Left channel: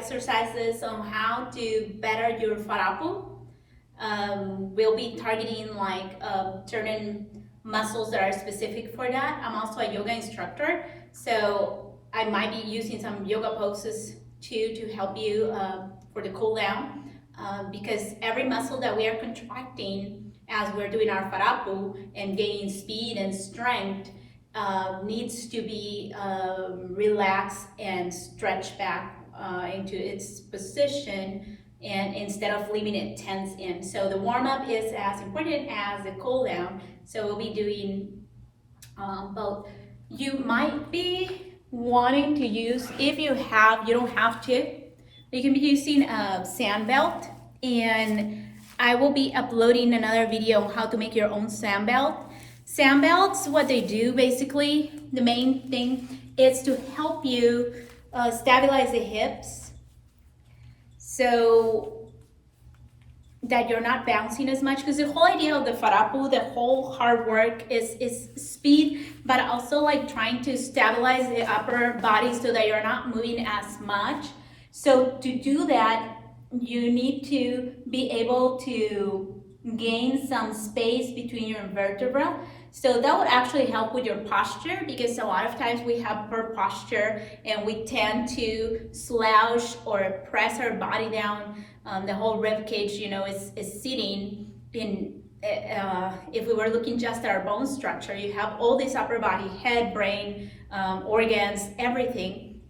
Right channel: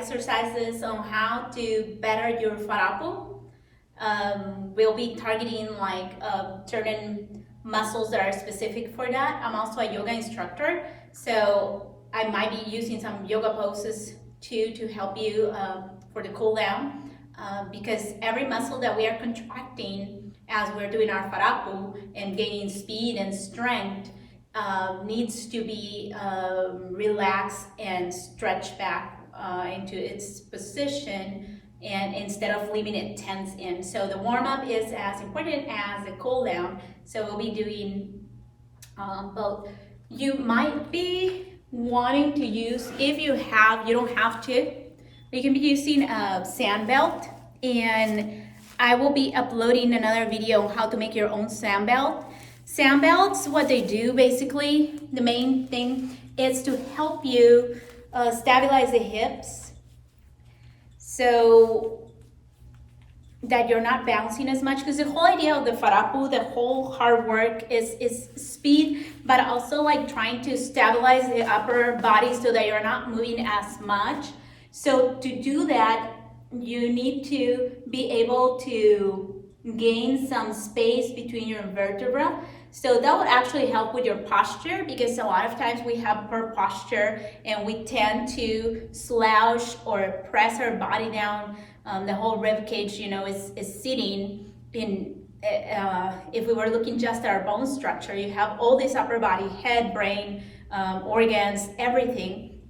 exercises on how to better your faarapu. We'll be targeting like certain muscles that are specific for that. I'm also a yoga instructor, so I might be using some yoga poses too to help you for the cool down, because every muscle that we are contracting as we're doing our faarapu and gaining speed and strength needs to be relaxed and stretched back into its position, and instead of leaving it tense in. So the warm-up is as important as the cool down. So we'll be doing both. You might be wanting to use, if you don't have to, you can be using a sand belt, and I will be uploading another video on how to make your own sand belt. Sand belts, what they do basically, the main thing is to help you stabilize the hips so that you're not bouncing as much, because the whole idea of the faarapu, the whole hard work is speed, but also like trying to stabilize the upper body so that you're not moving as much. So to do that, you need to be able to gain some space between your vertebrae. So that would actually help with your posture, because a lot of times we have poor posture and we tend to slouch or press our body down. The whole rib cage, you know, is sitting in, if we were looking just at our bone structure, you have all this upper body, head, brain, organs, everything,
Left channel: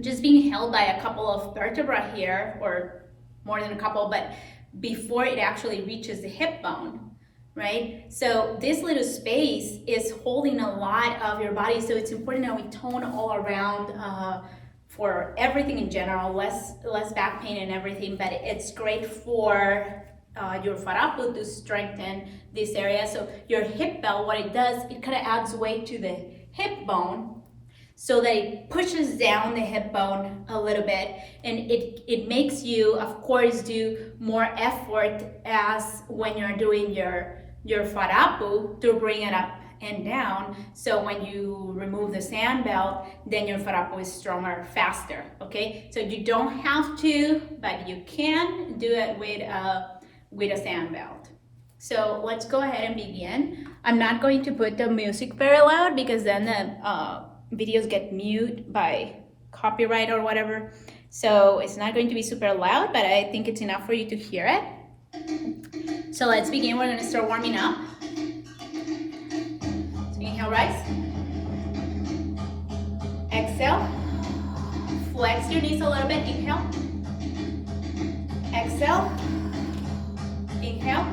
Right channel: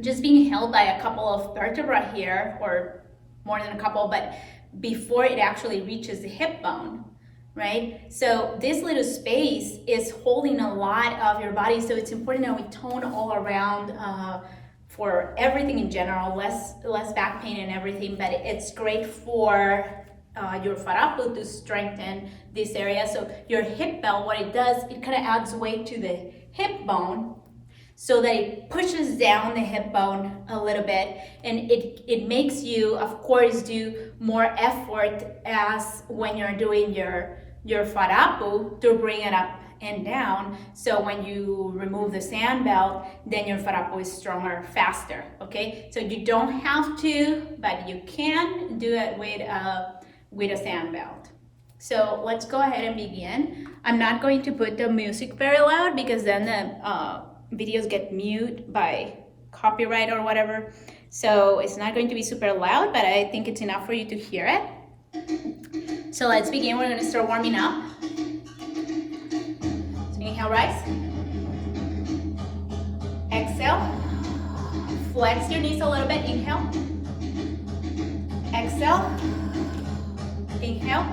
just being held by a couple of vertebrae here, or more than a couple, but before it actually reaches the hip bone, right? So this little space is holding a lot of your body, so it's important that we tone all around for everything in general, less back pain and everything, but it's great for your faarapu to strengthen this area. So your hip belt, what it does, it kind of adds weight to the hip bone, so that it pushes down the hip bone a little bit, and it makes you, of course, do more effort as when you're doing your faarapu to bring it up and down. So when you remove the sand belt, then your faarapu is stronger, faster, okay? So you don't have to, but you can do it with a sand belt. So let's go ahead and begin. I'm not going to put the music very loud, because then the videos get mute by copyright or whatever. So it's not going to be super loud, but I think it's enough for you to hear it. So let's begin. We're gonna start warming up. So inhale, rise. Exhale. Flex your knees a little bit. Inhale. Exhale. Inhale.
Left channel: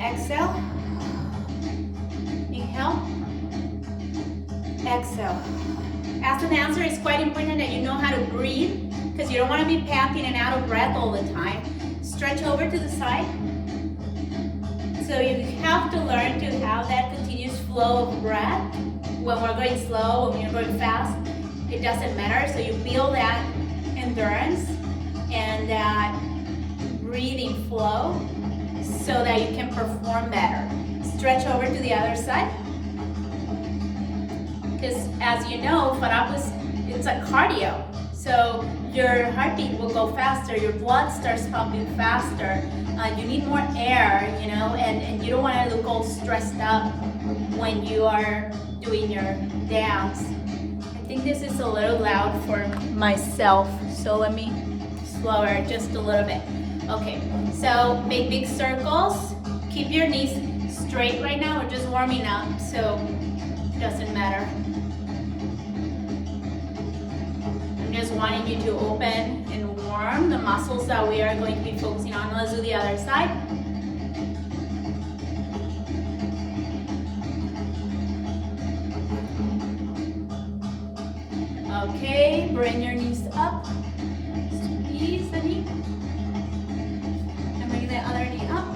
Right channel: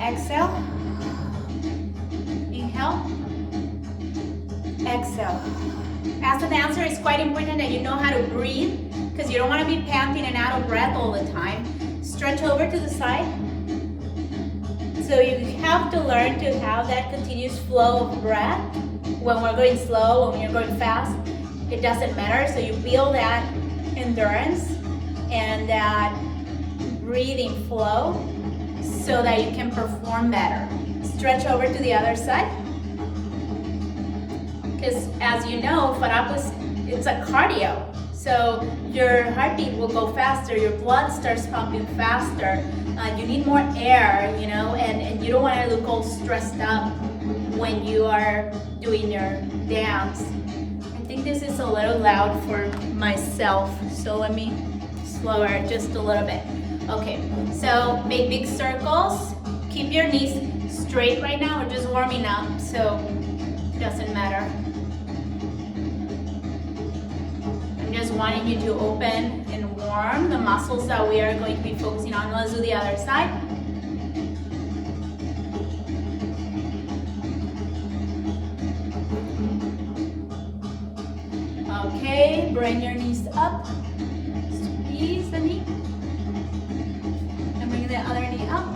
Exhale. Inhale. Exhale. As a dancer, it's quite important that you know how to breathe, because you don't want to be panting and out of breath all the time. Stretch over to the side. So you have to learn to have that continuous flow of breath. When we're going slow, when you're going fast, it doesn't matter. So you build that endurance and that breathing flow so that you can perform better. Stretch over to the other side. Because as you know, faarapu, it's a cardio. So your heartbeat will go faster, your blood starts pumping faster. You need more air, you know, and you don't want to look all stressed up when you are doing your dance. I think this is a little loud for myself, so let me slow it just a little bit. Okay, so make big circles. Keep your knees straight right now. We're just warming up, so it doesn't matter. I'm just wanting you to open and warm the muscles that we are going to be focusing on. Let's do the other side. Okay, bring your knees up. Squeeze the knee. And bring the other knee up.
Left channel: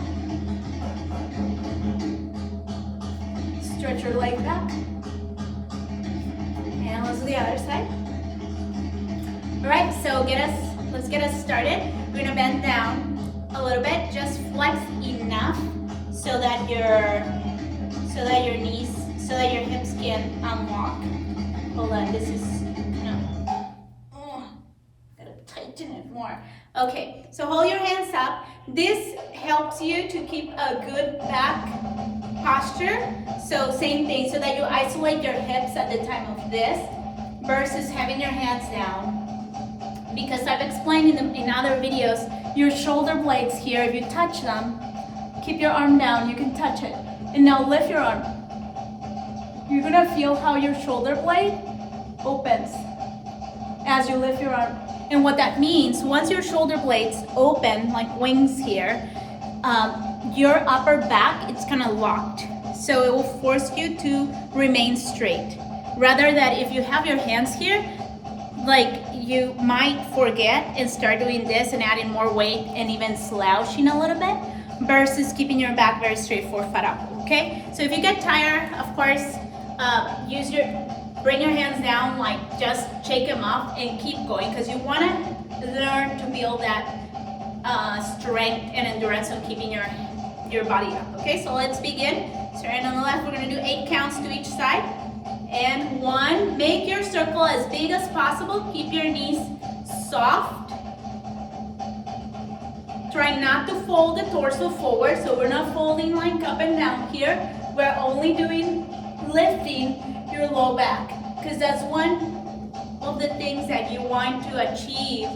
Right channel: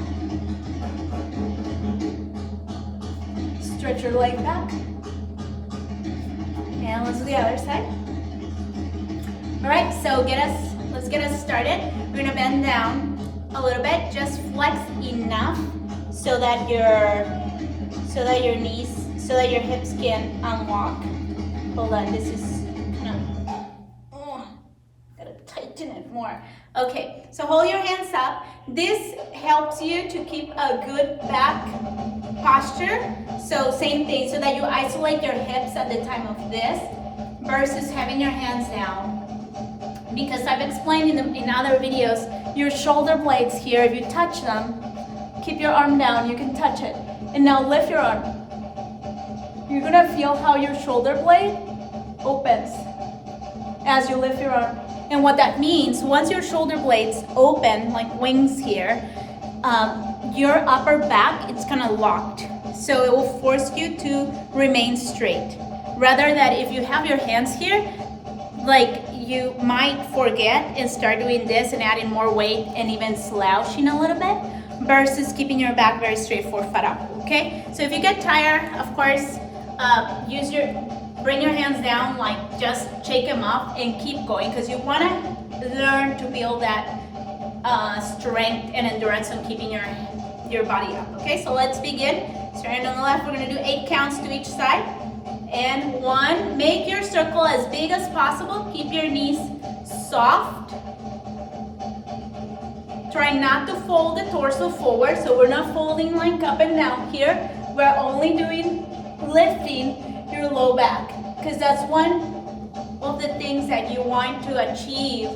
Stretch your leg back. And let's do the other side. All right, so let's get us started. We're gonna bend down a little bit, just flex enough so that your hips can unlock. Hold on, this is kind of more. Okay, so hold your hands up. This helps you to keep a good back posture. So same thing, so that you isolate your hips at the time of this versus having your hands down. Because I've explained in other videos, your shoulder blades here, if you touch them, keep your arm down, you can touch it. And now lift your arm. You're gonna feel how your shoulder blade opens as you lift your arm. And what that means, once your shoulder blades open, like wings here, your upper back, it's kind of locked. So it will force you to remain straight. Rather that if you have your hands here, like you might forget and start doing this and adding more weight and even slouching a little bit versus keeping your back very straight for faarapu, okay? So if you get tired, of course, bring your hands down, like just shake them off and keep going, because you want to learn to build that strength and endurance of keeping your body up. Okay, so let's begin. Starting on the left, we're going to do 8 counts to each side. And 1, make your circle as big as possible. Keep your knees soft. Try not to fold the torso forward, so we're not folding like up and down here. We're only lifting your low back, because that's one of the things that you want to achieve.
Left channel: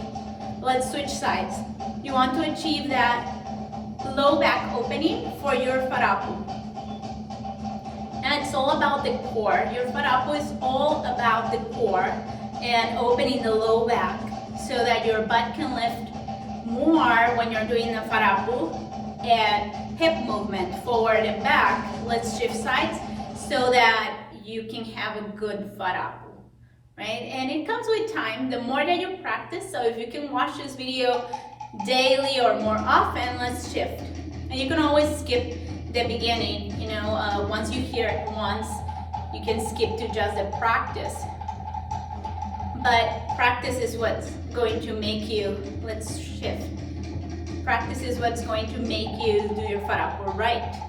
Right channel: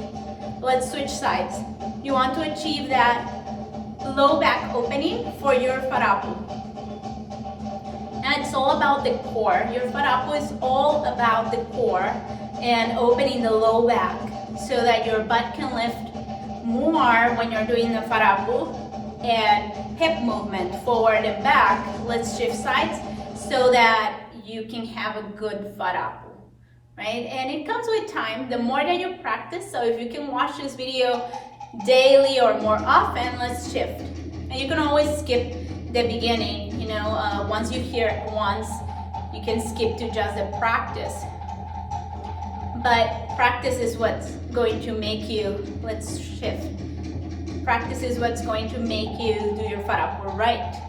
Let's switch sides. You want to achieve that low back opening for your faarapu. And it's all about the core. Your faarapu is all about the core and opening the low back so that your butt can lift more when you're doing the faarapu, and hip movement forward and back. Let's shift sides so that you can have a good faarapu, right? And it comes with time. The more that you practice, so if you can watch this video daily or more often, let's shift. And you can always skip the beginning, you know, once you hear it once, you can skip to just the practice. But practice is what's going to make you, let's shift. Practice is what's going to make you do your faarapu right.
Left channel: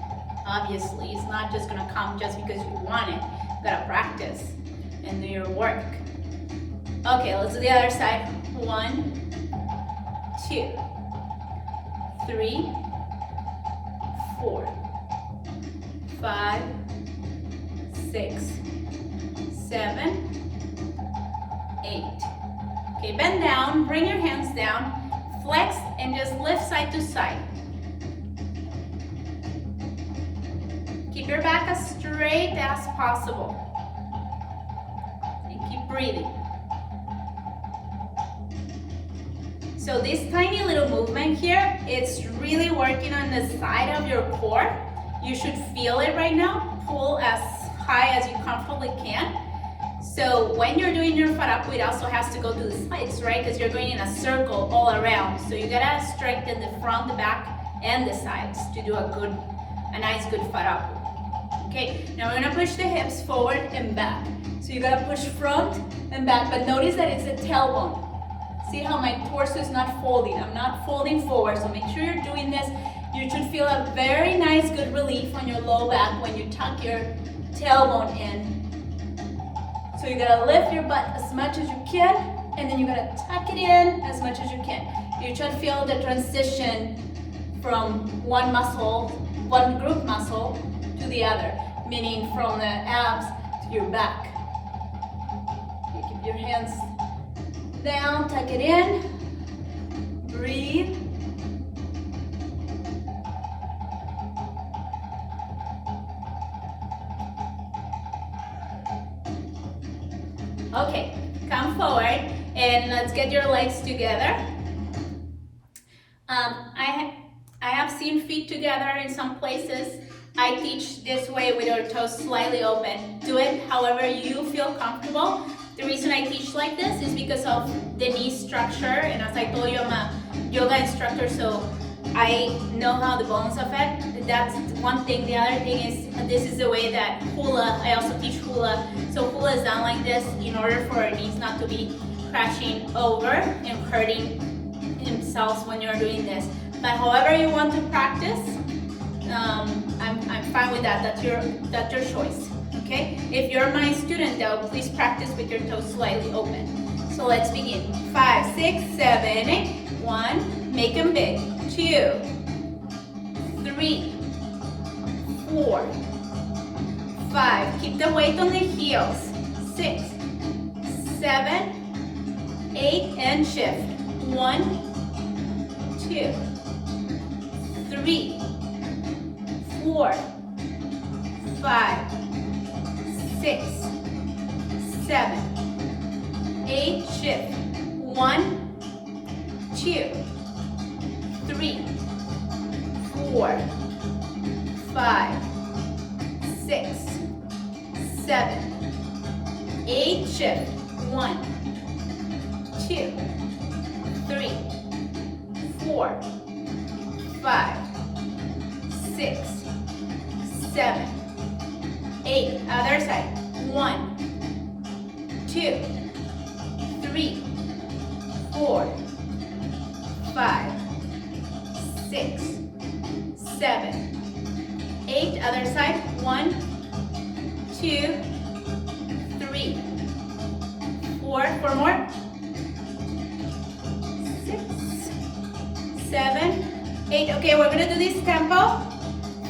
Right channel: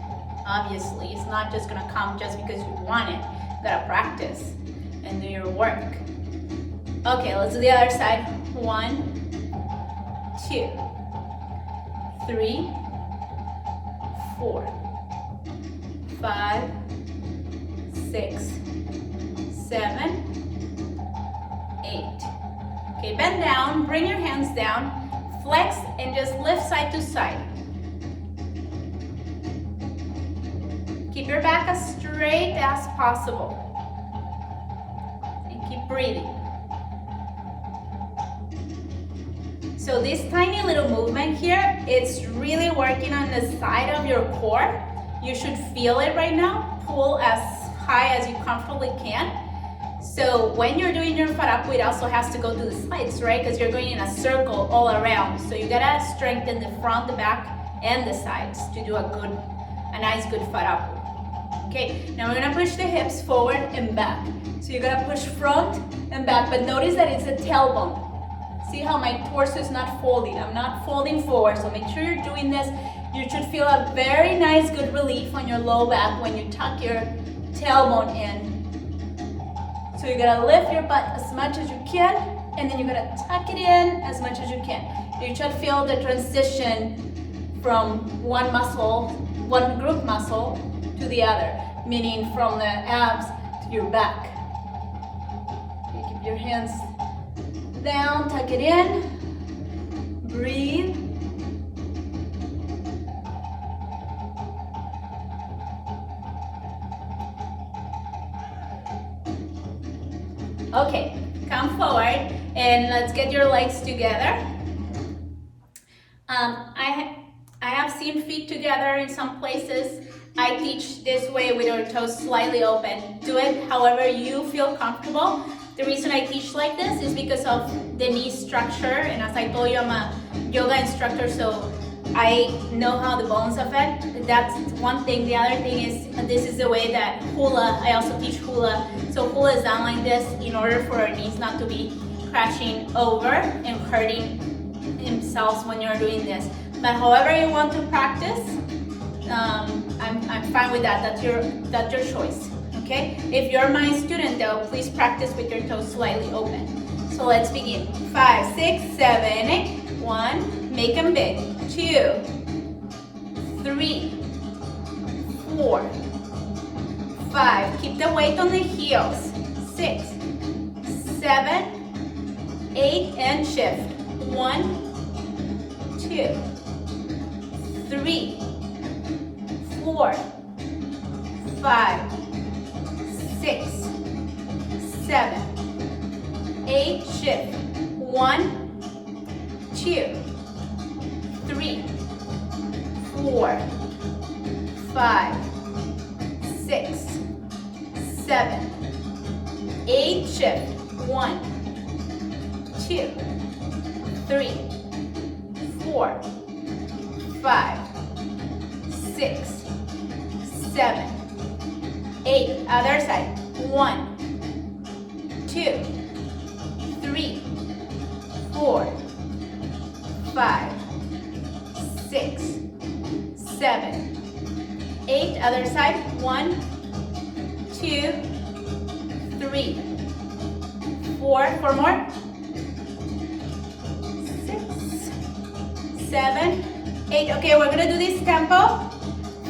Obviously, it's not just gonna come just because you want it. You gotta practice and do your work. Okay, let's do the other side. 1, 2, 3, 4, 5, 6, 7, 8. Okay, bend down, bring your hands down, flex, and just lift side to side. Keep your back as straight as possible. And keep breathing. So this tiny little movement here, it's really working on the side of your core. You should feel it right now. Pull as high as you comfortably can. So when you're doing your faarapu, it also has to go to the sides, right? Because you're going in a circle all around. So you gotta strengthen the front, the back, and the sides to do a nice good faarapu. Okay, now we're gonna push the hips forward and back. So you gotta push front and back, but notice that it's a tailbone. See how my torso is not folding. I'm not folding forward, so make sure you're doing this. You should feel a very nice, good relief on your low back when you tuck your tailbone in. So you gotta lift your butt as much as you can, and then you gotta tuck it in as much as you can. You try to feel the transition from one group muscle to the other, meaning from the abs to your back. Okay, keep your hands down, tuck it in, breathe. Okay, come forward and let's get your legs together. I have seen feet together in some places. I teach this way with our toes slightly open. Do it however you feel comfortable. The reason I teach like this is because of the knee structure, and as I told you, I'm a yoga instructor, so I know how the bones affect. That's one thing. The other thing is, this is the way that hula, I also teach hula. So hula is done like this in order for our knees not to be crashing over and hurting themselves when you're doing this. But however you want to practice, I'm fine with that. That's your choice. Okay? If you're my student though, please practice with your toes slightly open. So let's begin. 5, 6, 7, 8. 1, make them big. 2, 3, 4, 5. Keep the weight on the heels. 6, 7, 8, and shift. 1, 2, 3, 4, 5, 6, 7, 8, shift. 1, 2, 3, 4, 5, 6, 7, 8, shift. 1, 2, 3, 4, 5, 6, 7, 8. Other side. 1, 2, 3, 4, 5, 6, 7, 8. Other side. 1, 2, 3, 4. 4 more. 6, 7, 8. Okay, we're gonna do this tempo.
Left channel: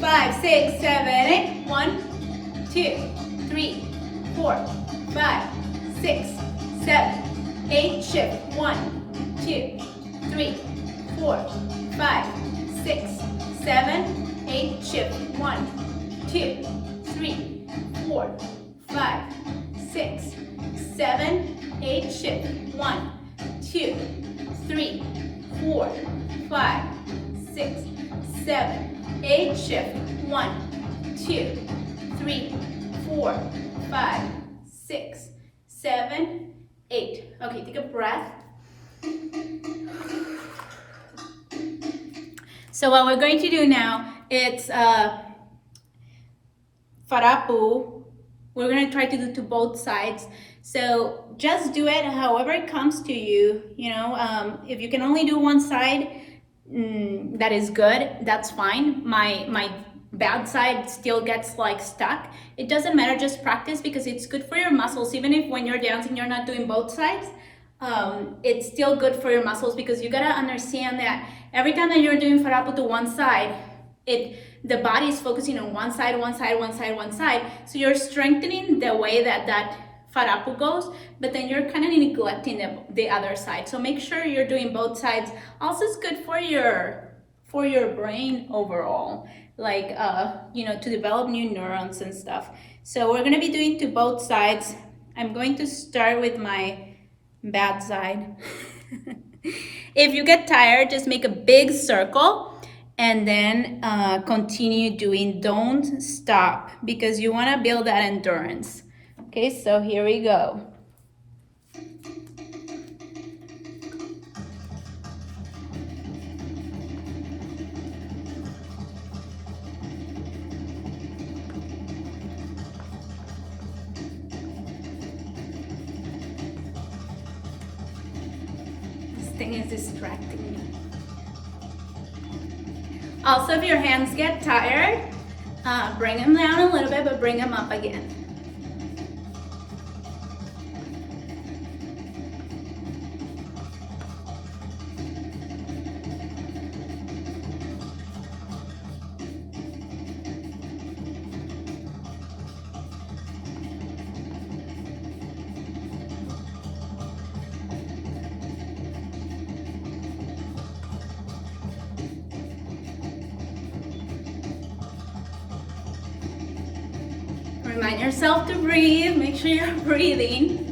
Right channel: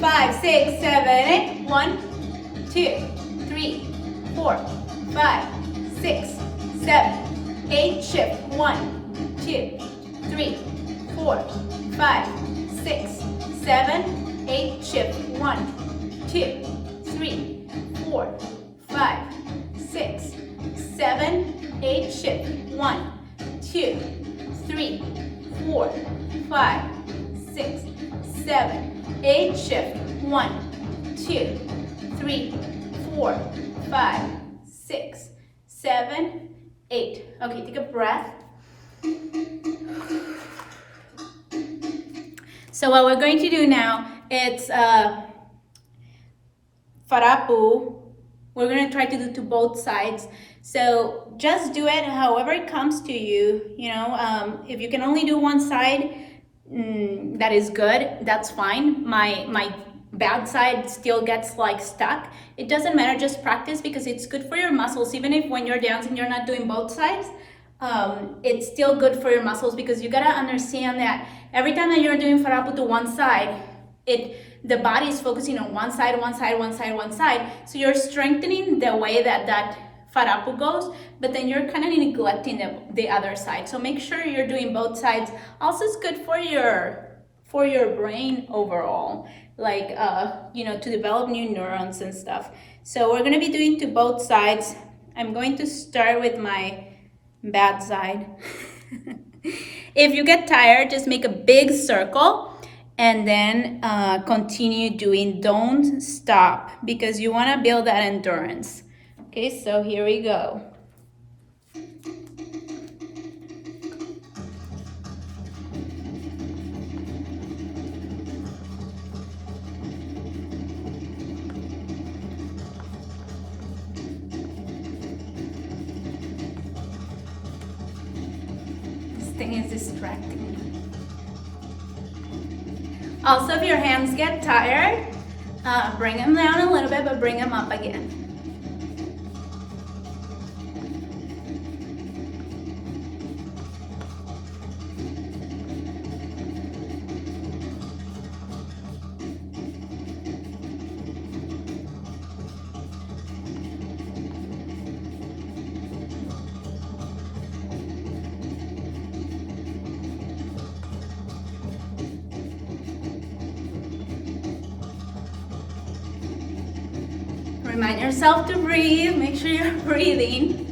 5, 6, 7, 8. 1, 2, 3, 4, 5, 6, 7, 8. Shift. 1, 2, 3, 4, 5, 6, 7, 8. Shift. 1, 2, 3, 4, 5, 6, 7, 8. Shift. 1, 2, 3, 4, 5, 6, 7, 8. Shift. 1, 2, 3, 4, 5, 6, 7, 8. Okay, take a breath. So what we're going to do now, it's faarapu. We're going to try to do to both sides. So just do it however it comes to you. You know, if you can only do one side, that is good. That's fine. My bad side still gets like stuck. It doesn't matter. Just practice because it's good for your muscles. Even if when you're dancing you're not doing both sides, it's still good for your muscles because you gotta understand that every time that you're doing faarapu to one side, the body is focusing on one side, one side, one side, one side. So you're strengthening the way that faarapu goes, but then you're kind of neglecting the other side. So make sure you're doing both sides. Also, it's good for your brain overall, like you know, to develop new neurons and stuff. So we're gonna be doing to both sides. I'm going to start with my bad side. If you get tired, just make a big circle and then continue doing. Don't stop because you want to build that endurance. Okay, so here we go. This thing is distracting me. Also, if your hands get tired, bring them down a little bit, but bring them up again. Remind yourself to breathe. Make sure you're breathing.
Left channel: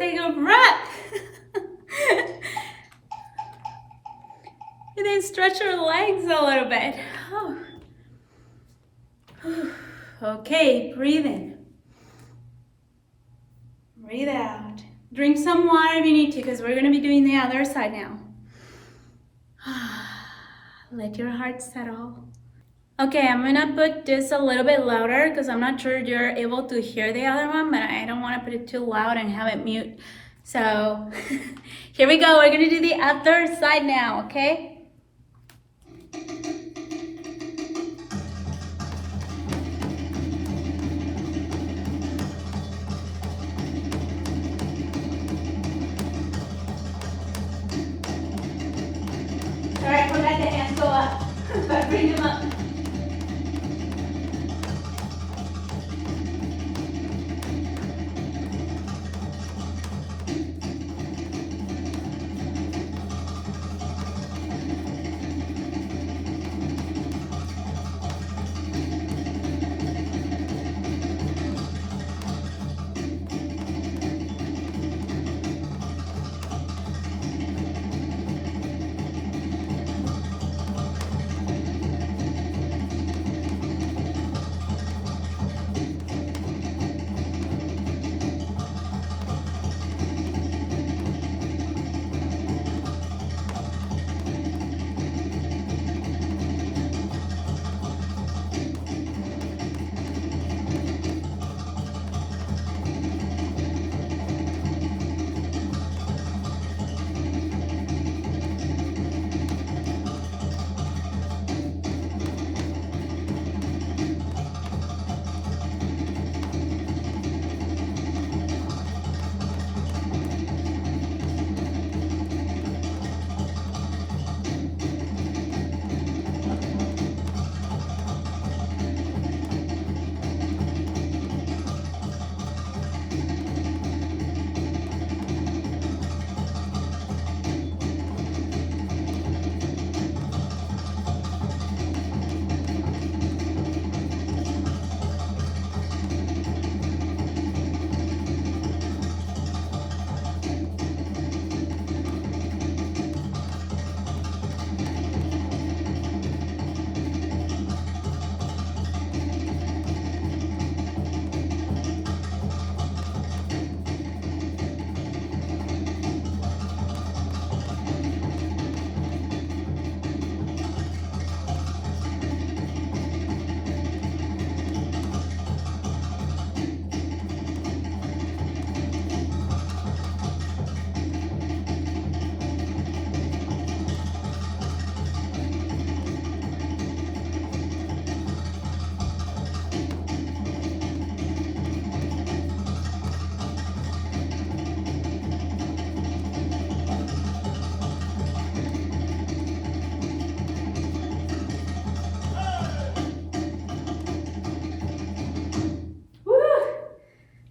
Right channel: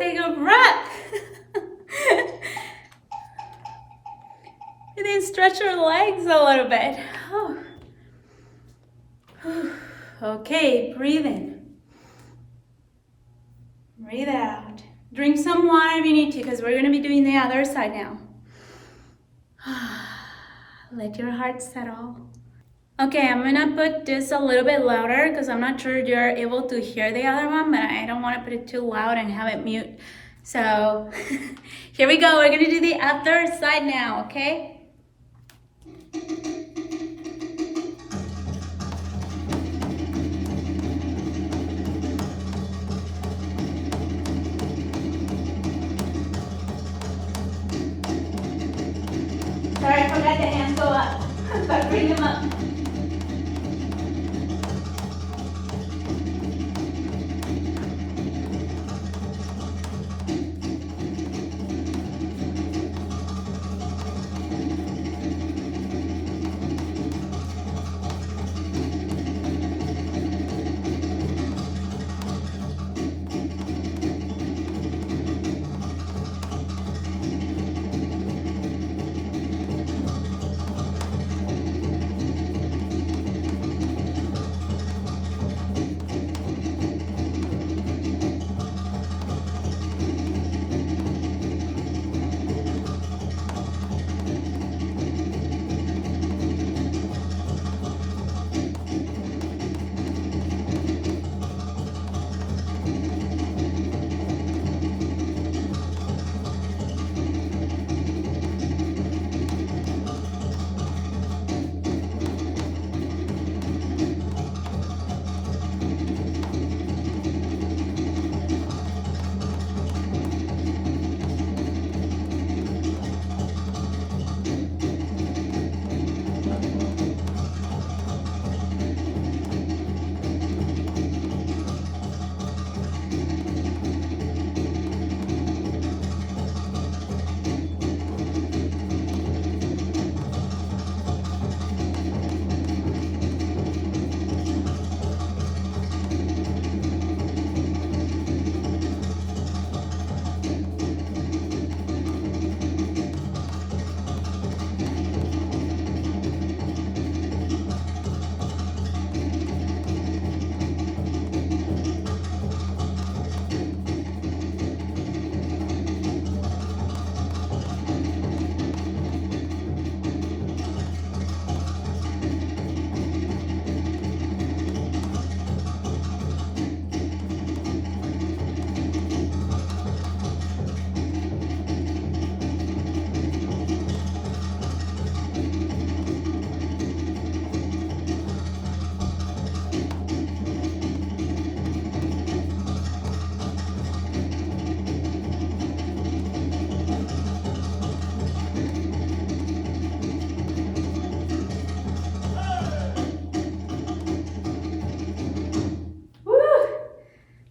Take a breath. And then stretch your legs a little bit. Okay, breathe in. Breathe out. Drink some water if you need to, because we're going to be doing the other side now. Let your heart settle. Okay, I'm going to put this a little bit louder because I'm not sure you're able to hear the other one, but I don't want to put it too loud and have it mute. So here we go. We're going to do the other side now, okay? Sorry, I forgot the hands go up, but bring them up.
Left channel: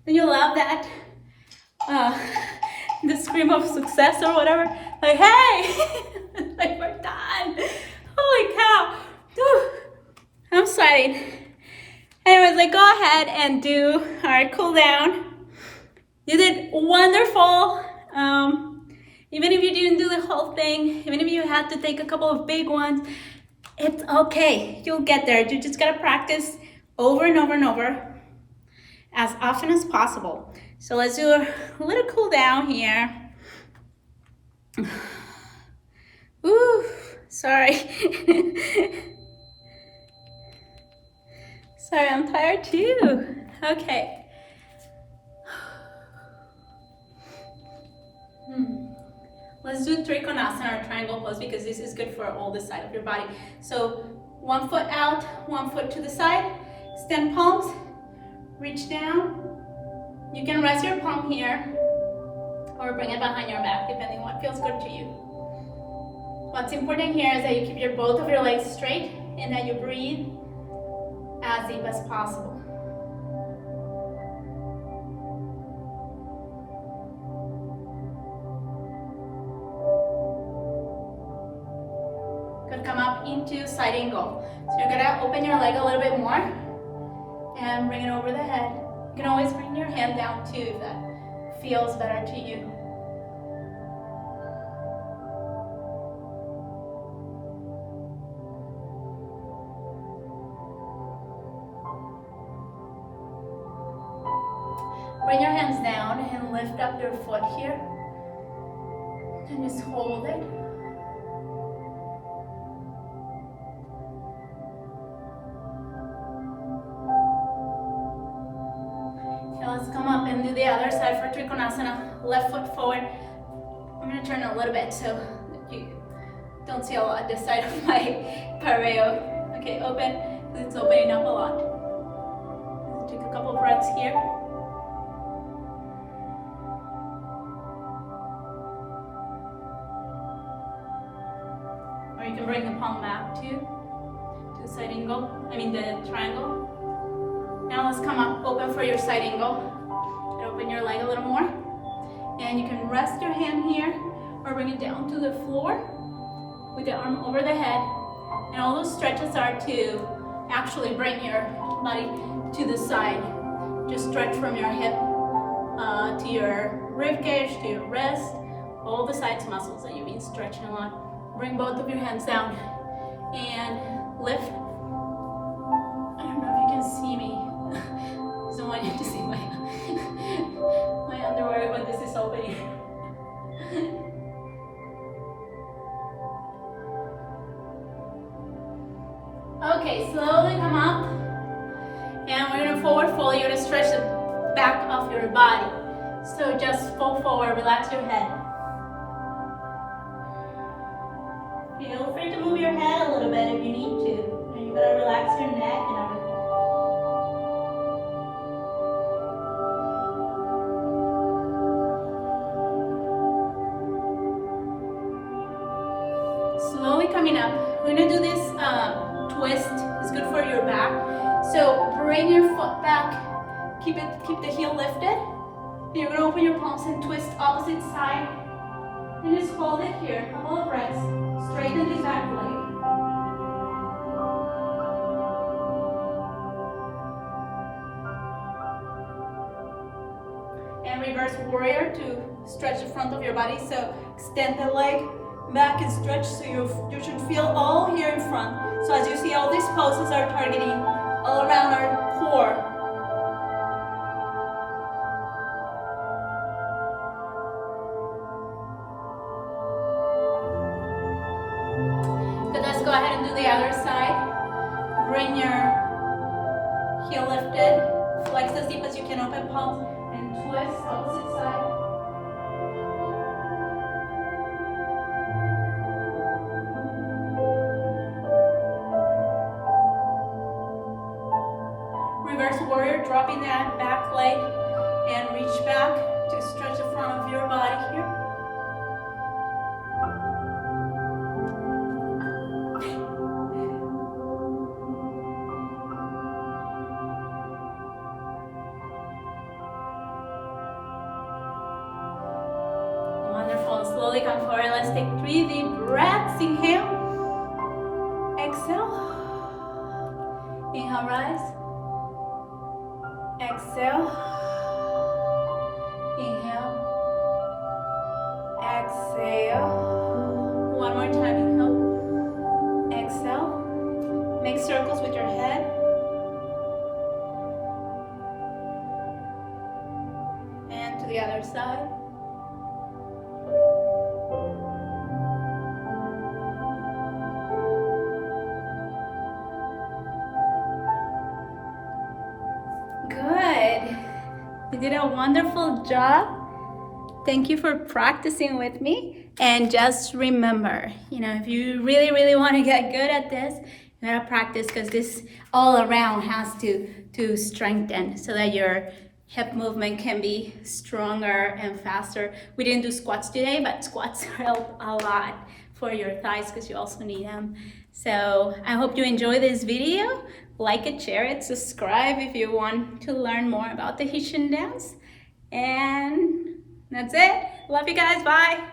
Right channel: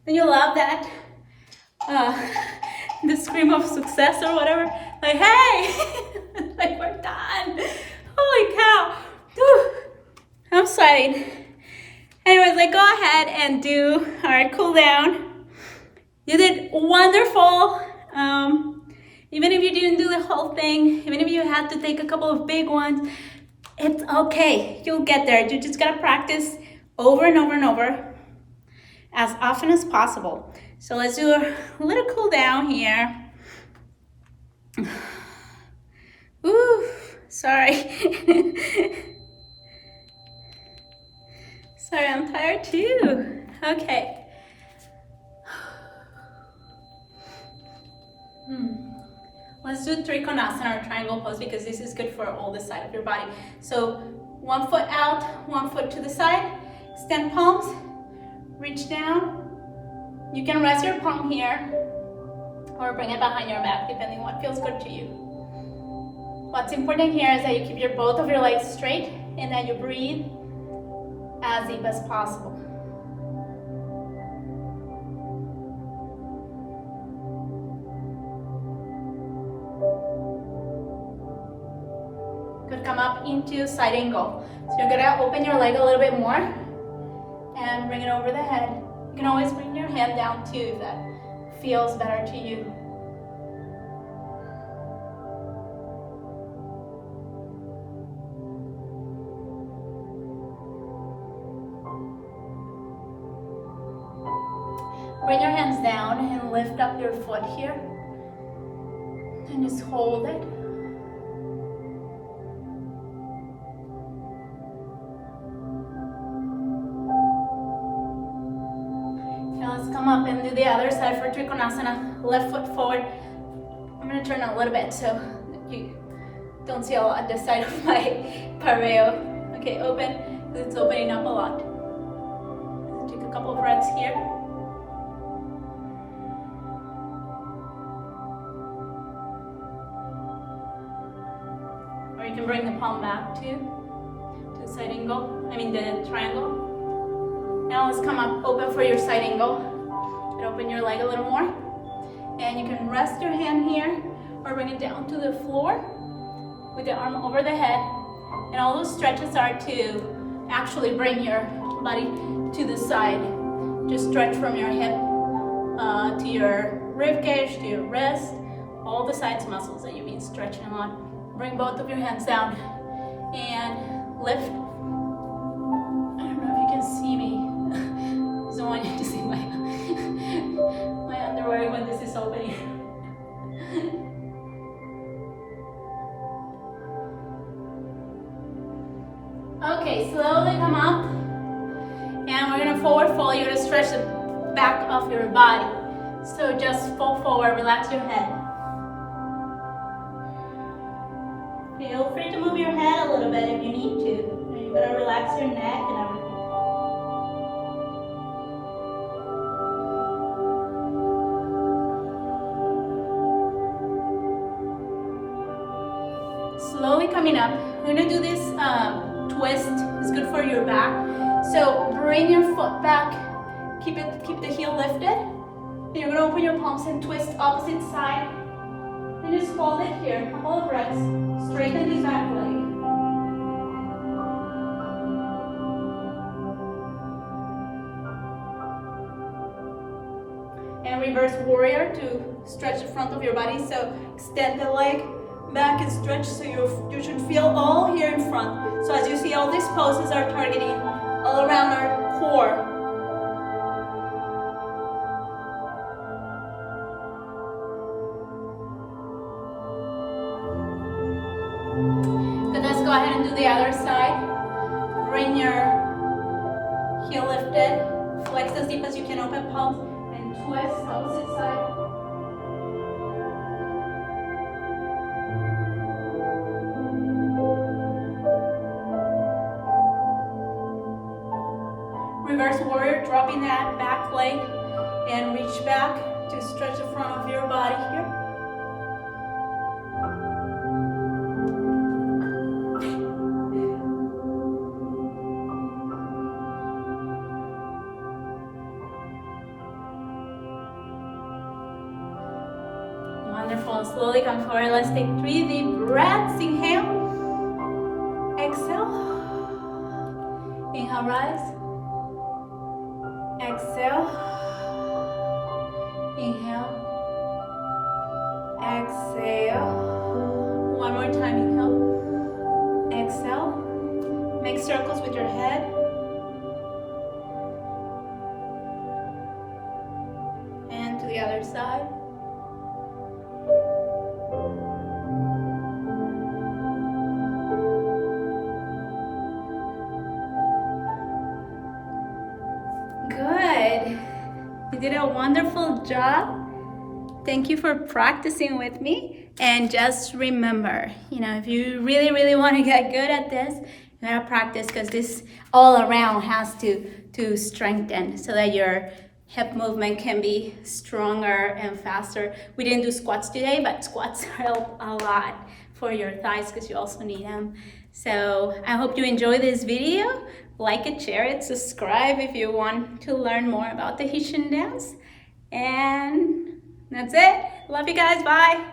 And you love that, the scream of success or whatever, like, hey, like we're done. Holy cow. Whew. I'm sweating. Anyways, like go ahead and do our cool down. You did wonderful. Even if you didn't do the whole thing, even if you had to take a couple of big ones, it's okay. You'll get there. You just gotta practice over and over and over, as often as possible. So let's do a little cool down here. Ooh, sorry. Sorry, I'm tired too. Okay. Let's do Trikonasana or triangle pose because this is good for all the side of your body. So 1 foot out, 1 foot to the side, extend palms, reach down. You can rest your palm here or bring it behind your back, depending what feels good to you. What's important here is that you keep both of your legs straight and that you breathe as deep as possible. Could come up into side angle. So you're gonna open your leg a little bit more and bring it over the head. You can always bring your hand down too if that feels better to you. Bring your hands down and lift up your foot here. And just hold it. Now let's come up and do the other side for Trikonasana. Left foot forward. I'm going to turn a little bit so you don't see a lot this side of my pareo. Okay, open, because it's opening up a lot. Take a couple of breaths here. Or you can bring the palm back to the side angle, the triangle. Now let's come up, open for your side angle. And open your leg a little more. And you can rest your hand here or bring it down to the floor with the arm over the head. And all those stretches are to actually bring your body to the side. Just stretch from your hip to your rib cage, to your wrist, all the sides muscles that you've been stretching a lot. Bring both of your hands down and lift. I don't know if you can see me. I don't want you to see my underwear when this is opening. Okay, slowly come up. And we're gonna forward fold. You're gonna stretch the back of your body. So just fold forward, relax your head. Feel free to move your head a little bit if you need to. And you gotta relax your neck and everything. Slowly coming up. We're gonna do this twist. It's good for your back. So bring your foot back. Keep the heel lifted. And you're gonna open your palms and twist opposite side. And just hold it here. A couple of breaths. Straighten this back leg. And reverse warrior to stretch the front of your body. So extend the leg back and stretch, so you should feel all here in front. So as you see, all these poses are targeting all around our core. Good, let's go ahead and do the other side. Bring your heel lifted, flex as deep as you can, open palms, and twist opposite side. Reverse warrior, dropping that back leg and reach back to stretch the front of your body here. Wonderful. Slowly come forward. Let's take 3 deep breaths. Inhale. Exhale. Inhale, rise. Exhale. Inhale. Exhale. One more time. Inhale. Exhale. Make circles with your head. And to the other side. Good. You did a wonderful job. Thank you for practicing with me. And just remember, if you really, really want to get good at this, you gotta practice, because this all around has to strengthen so that your hip movement can be stronger and faster. We didn't do squats today, but squats help a lot for your thighs because you also need them. So I hope you enjoy this video. Like it, share it, subscribe if you want to learn more about Tahitian dance. And that's it. Love you guys. Bye.